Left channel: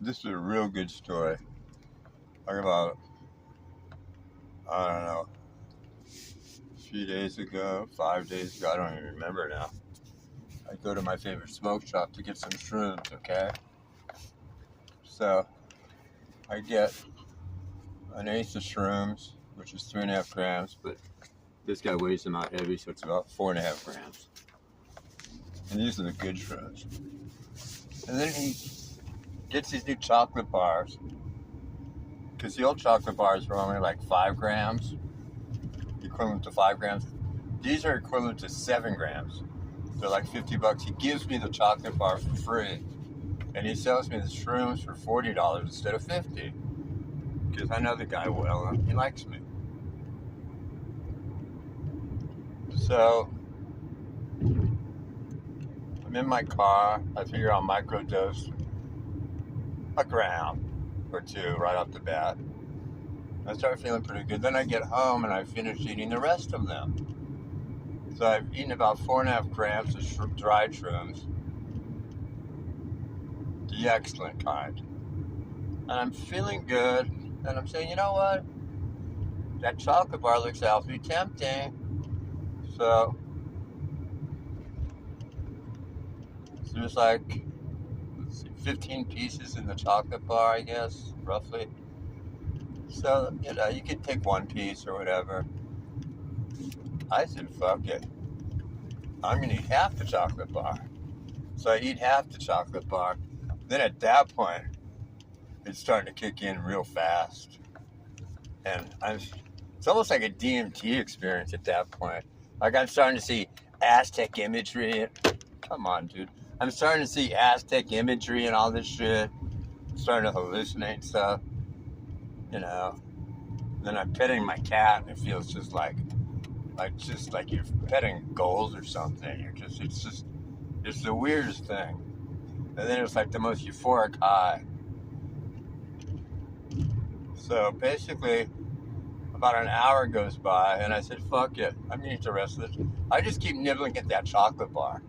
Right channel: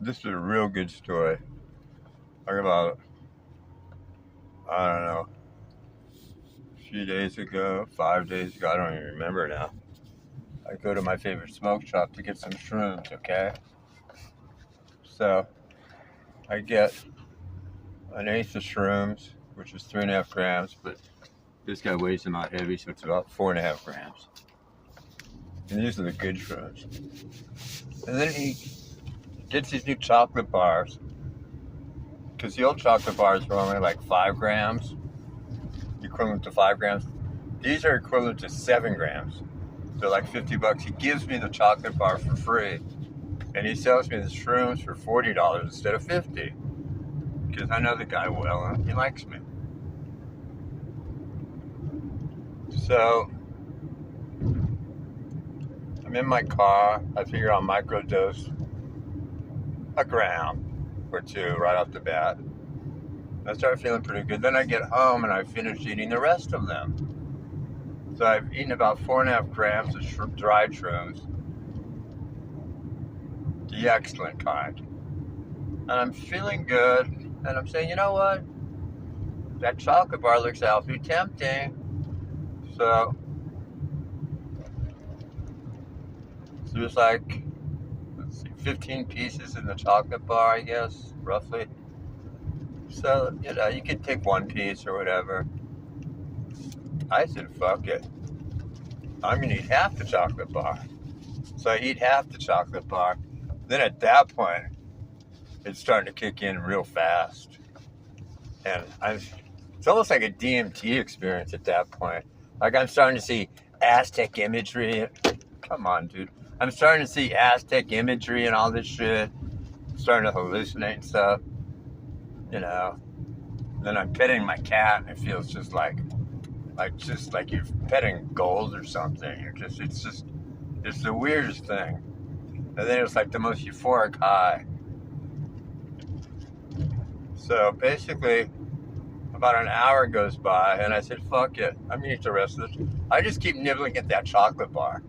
This is a real good story. Talk about, I don't know, a few days ago, 5 days ago, I don't even remember now. I go to my favorite smoke shop to get some shrooms, okay? So I get an eighth of shrooms, which is 3.5 grams, but this guy weighs them out heavy, so it's about 4.5 grams. And these are the good shrooms. And then he gets these new chocolate bars, because the old chocolate bars were only like 5 grams, equivalent to 5 grams. These are equivalent to 7 grams. They're like $50. He gives me the chocolate bar for free, and he sells me the shrooms for $40 instead of $50, because I know the guy well and he likes me. So I'm in my car. I figure I'll microdose a gram or two right off the bat. I start feeling pretty good. Then I get home and I finish eating the rest of them. So I've eaten about 4.5 grams of dried shrooms, the excellent kind. And I'm feeling good. And I'm saying, you know what? That chocolate bar looks awfully tempting. So there's like, let's see, 15 pieces in the chocolate bar, I guess, roughly. So, you could take one piece or whatever. I said, fuck it. I'm going to eat half the chocolate bar. So I eat half the chocolate bar. Then at that point, it's starting to kick in real fast. And it's almost like a DMT experience at that point. Like I'm starting to see Aztec imagery. Come on, dude. I'm starting to see Aztec imagery and all this shit. I'm starting to hallucinate and stuff. Then I'm petting my cat and it feels just like you're petting gold or something. It's the weirdest thing. And then it's like the most euphoric high. So basically, about an hour goes by, and I said, fuck it. I'm going to eat the rest of this. I just keep nibbling at that chocolate bar.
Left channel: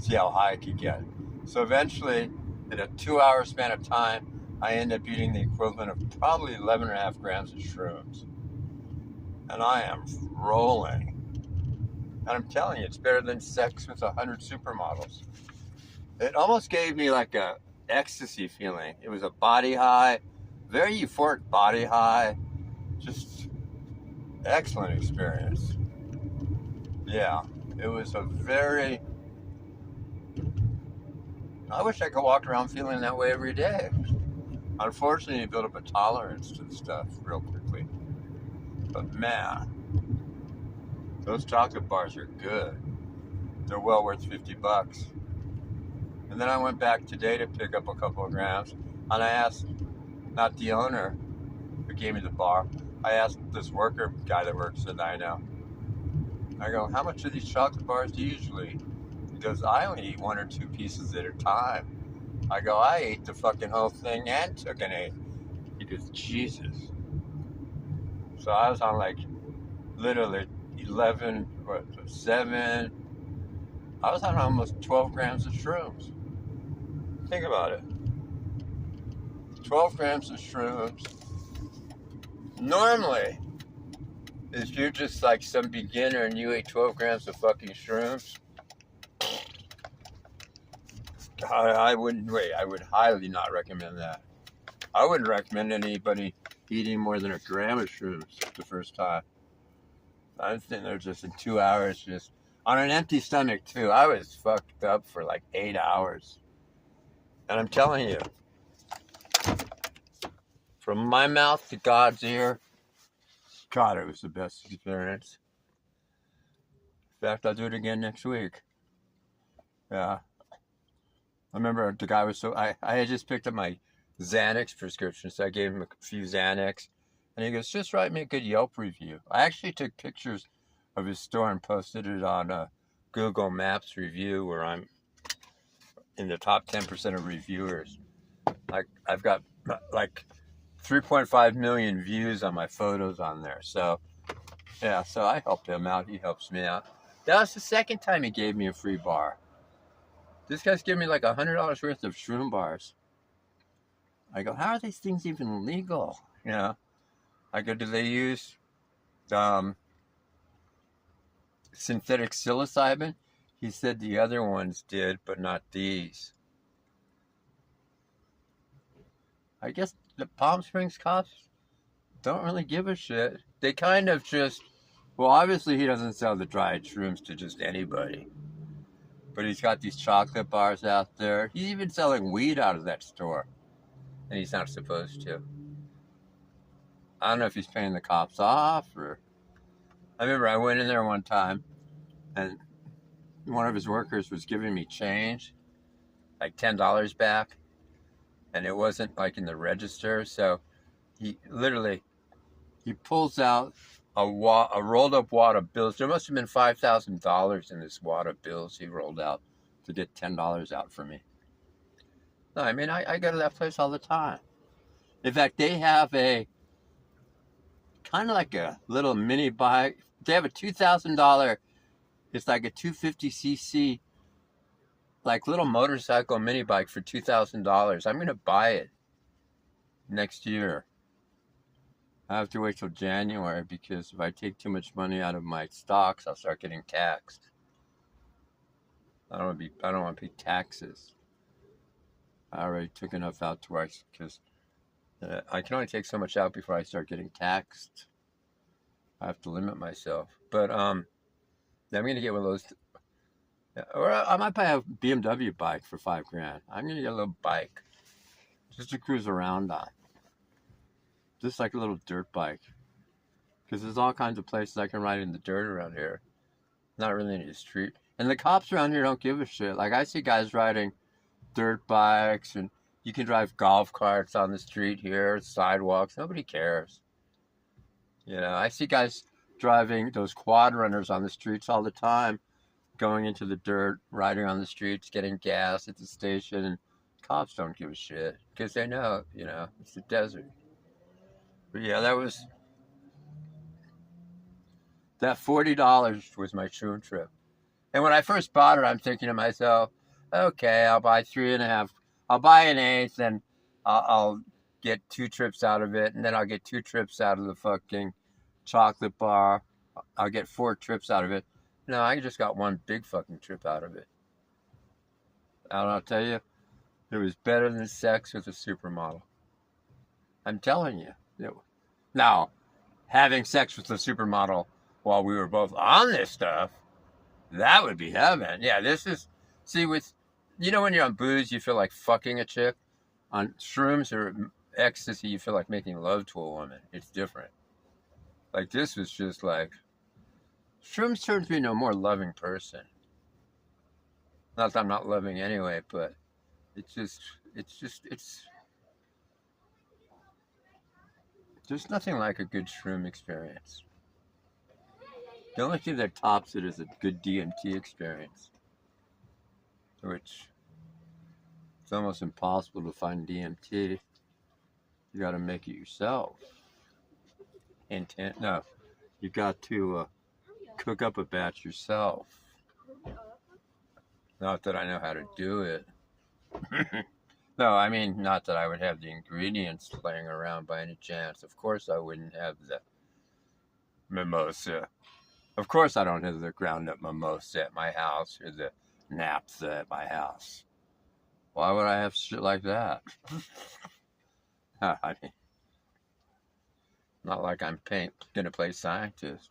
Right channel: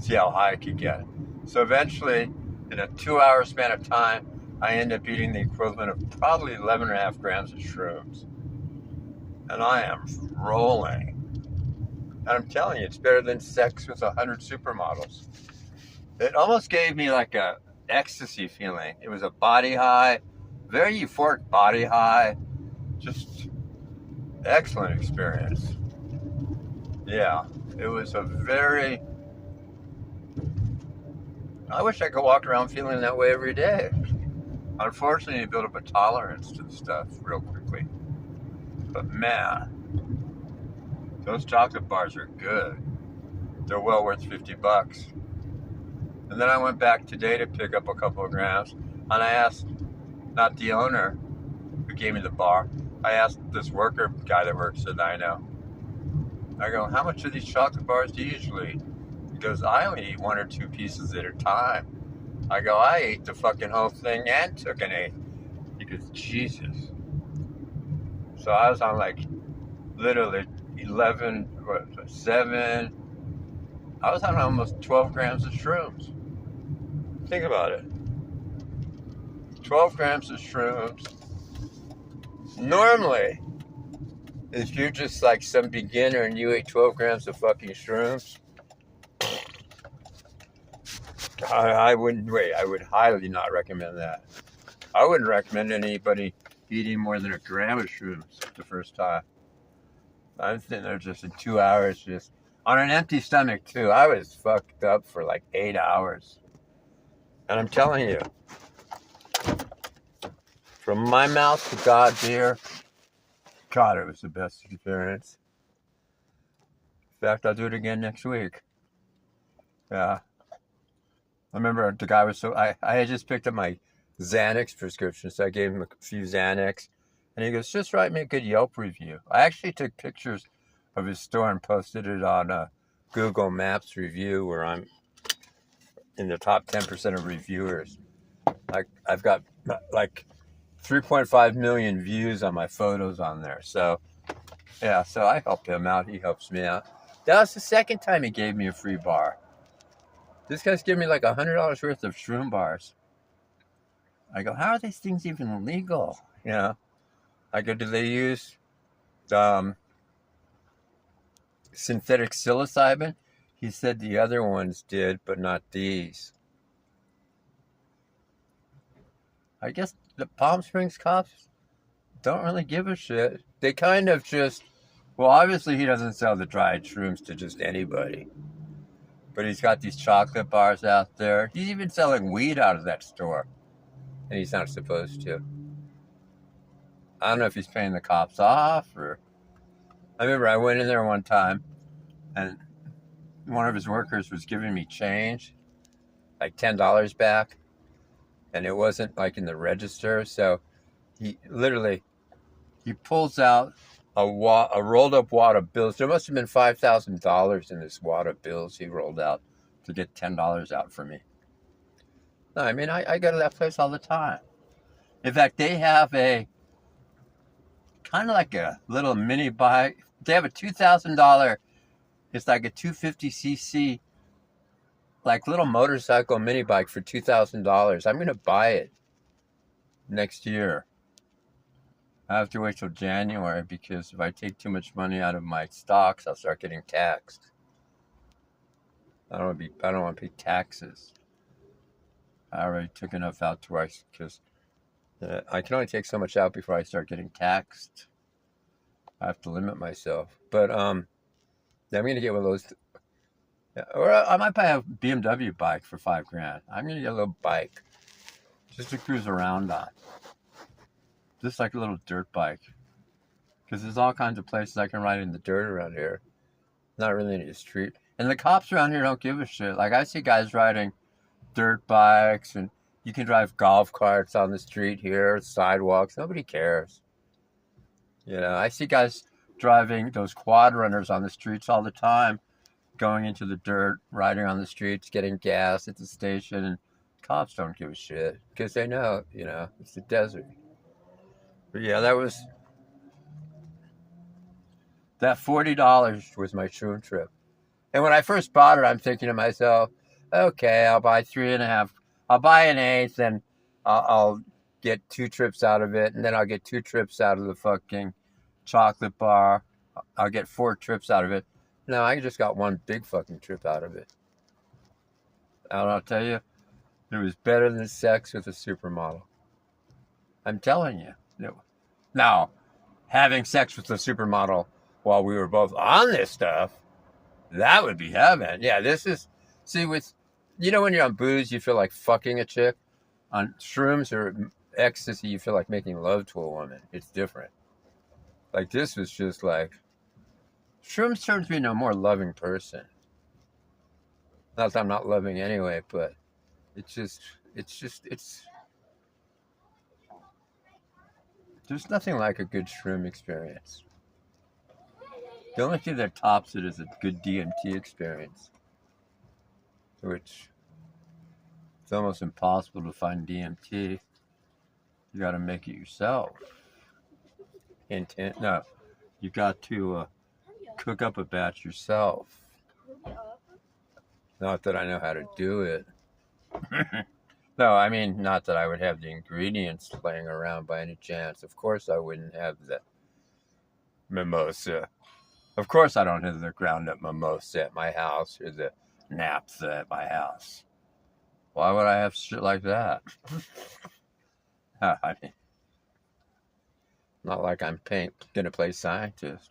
See how high I could get. So eventually, in a 2-hour span of time, I end up eating the equivalent of probably 11.5 grams of shrooms. And I am rolling. And I'm telling you, it's better than sex with 100 supermodels. It almost gave me like a ecstasy feeling. It was a body high, very euphoric body high. Just excellent experience. Yeah, it was a very... I wish I could walk around feeling that way every day. Unfortunately, you build up a tolerance to the stuff real quickly. But man, those chocolate bars are good. They're well worth $50. And then I went back today to pick up a couple of grams, and I asked, not the owner who gave me the bar, I asked this worker guy that works at I know. I go, how much of these chocolate bars do you usually eat? He goes, I only eat 1 or 2 pieces at a time. I go, I ate the fucking whole thing and took an 8. He goes, Jesus. So I was on like literally 7. I was on almost 12 grams of shrooms. Think about it. 12 grams of shrooms. Normally, if you're just like some beginner and you ate 12 grams of fucking shrooms, I wouldn't wait. I would highly not recommend that. I wouldn't recommend anybody eating more than 1 gram of shrooms the first time. I'm sitting there just in 2 hours, just on an empty stomach too. I was fucked up for like 8 hours. And I'm telling you, from my mouth to God's ear, God, it was the best experience. In fact, I'll do it again next week. Yeah. I remember the guy was so... I had just picked up my Xanax prescription, so I gave him a few Xanax. And he goes, just write me a good Yelp review. I actually took pictures of his store and posted it on a Google Maps review where I'm in the top 10% of reviewers. Like I've got like 3.5 million views on my photos on there. So, yeah, so I helped him out. He helps me out. That was the second time he gave me a free bar. This guy's giving me like $100 worth of shroom bars. I go, how are these things even legal? You know, I go, do they use um, synthetic psilocybin? He said the other ones did, but not these. I guess the Palm Springs cops don't really give a shit. They kind of just, well, obviously he doesn't sell the dried shrooms to just anybody. But he's got these chocolate bars out there. He's even selling weed out of that store. And he's not supposed to. I don't know if he's paying the cops off or. I remember I went in there one time and one of his workers was giving me change, like $10 back. And it wasn't like in the register. So he literally, he pulls out a rolled up wad of bills. There must have been $5,000 in this wad of bills he rolled out to get $10 out for me. No, I mean, I go to that place all the time. In fact, they have a kind of like a little mini bike. They have a $2,000, it's like a 250cc, like little motorcycle mini bike for $2,000. I'm going to buy it next year. I have to wait till January because if I take too much money out of my stocks, I'll start getting taxed. I don't want to pay taxes. I already took enough out to where because I can only take so much out before I start getting taxed. I have to limit myself. But I'm going to get one of those. Or I might buy a BMW bike for $5,000. I'm going to get a little bike just to cruise around on. Just like a little dirt bike. Because there's all kinds of places I can ride in the dirt around here. Not really any street. And the cops around here don't give a shit. Like I see guys riding dirt bikes and you can drive golf carts on the street here, sidewalks. Nobody cares. You know, I see guys driving those quad runners on the streets all the time, going into the dirt, riding on the streets, getting gas at the station, and cops don't give a shit because they know, you know, it's the desert. But yeah, that $40 was my shroom trip. And when I first bought it, I'm thinking to myself, okay, I'll buy 3.5. I'll buy an eighth, and I'll get 2 trips out of it, and then I'll get 2 trips out of the fucking chocolate bar. I'll get 4 trips out of it. No, I just got 1 big fucking trip out of it. And I'll tell you, it was better than sex with a supermodel. I'm telling you. Now, having sex with a supermodel while we were both on this stuff, that would be heaven. Yeah, this is, see, with, you know, when you're on booze, you feel like fucking a chick. On shrooms or ecstasy, you feel like making love to a woman. It's different. Like, this was just like, shrooms turns me into a more loving person. Not that I'm not loving anyway, but there's nothing like a good shroom experience. The only thing that tops it is a good DMT experience, which it's almost impossible to find DMT. You got to make it yourself. No, you got to cook up a batch yourself. Not that I know how to do it. No, I mean, not that I would have the ingredients laying around by any chance. Of course I wouldn't have the mimosa. Of course I don't have the ground up mimosa at my house or the naphtha at my house. Why would I have shit like that? I mean, not like I'm gonna play scientist.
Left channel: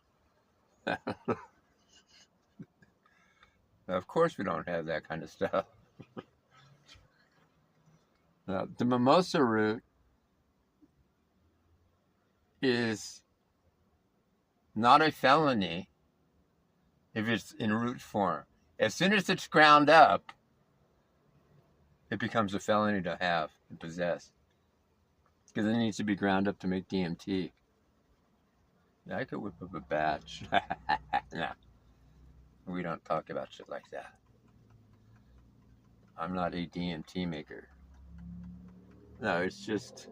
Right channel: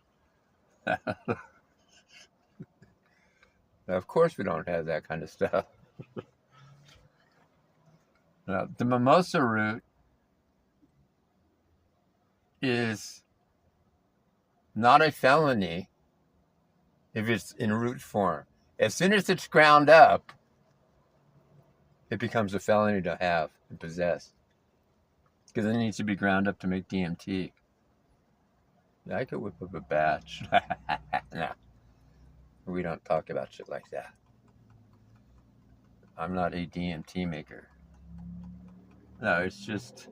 Of course we don't have that kind of stuff. Now, the mimosa root is not a felony if it's in root form. As soon as it's ground up, it becomes a felony to have and possess. Because it needs to be ground up to make DMT. I could whip up a batch. No. We don't talk about shit like that. I'm not a DMT maker. No, it's just,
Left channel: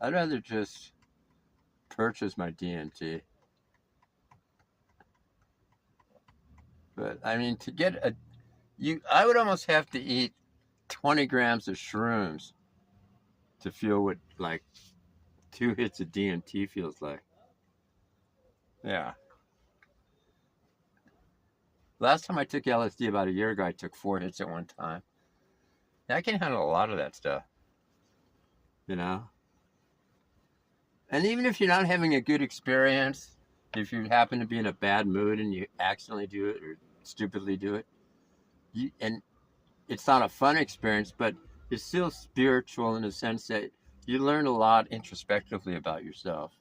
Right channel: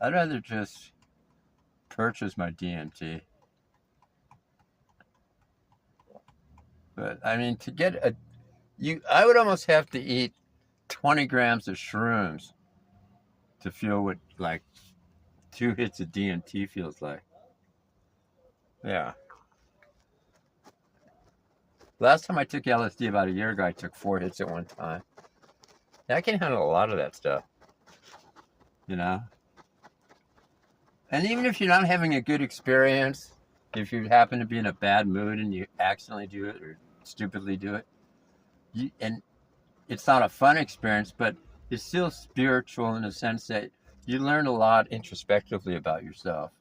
I'd rather just purchase my DMT. But, I mean, to get I would almost have to eat 20 grams of shrooms to feel what like 2 hits of DMT feels like. Yeah. Last time I took LSD about a year ago, I took 4 hits at one time. I can handle a lot of that stuff, you know? And even if you're not having a good experience, if you happen to be in a bad mood and you accidentally do it or stupidly do it, and it's not a fun experience, but it's still spiritual in the sense that you learn a lot introspectively about yourself.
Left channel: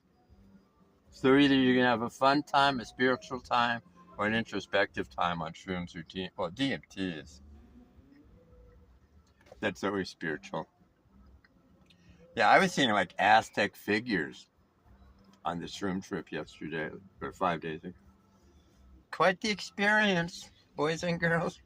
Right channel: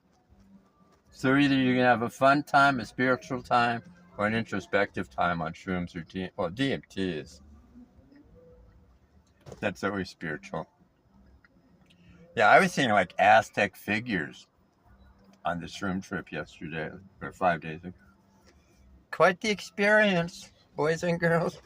So either you're going to have a fun time, a spiritual time, or an introspective time on shrooms or DMT is. That's always spiritual. Yeah, I was seeing like Aztec figures on the shroom trip yesterday, or 5 days ago. Quite the experience, boys and girls.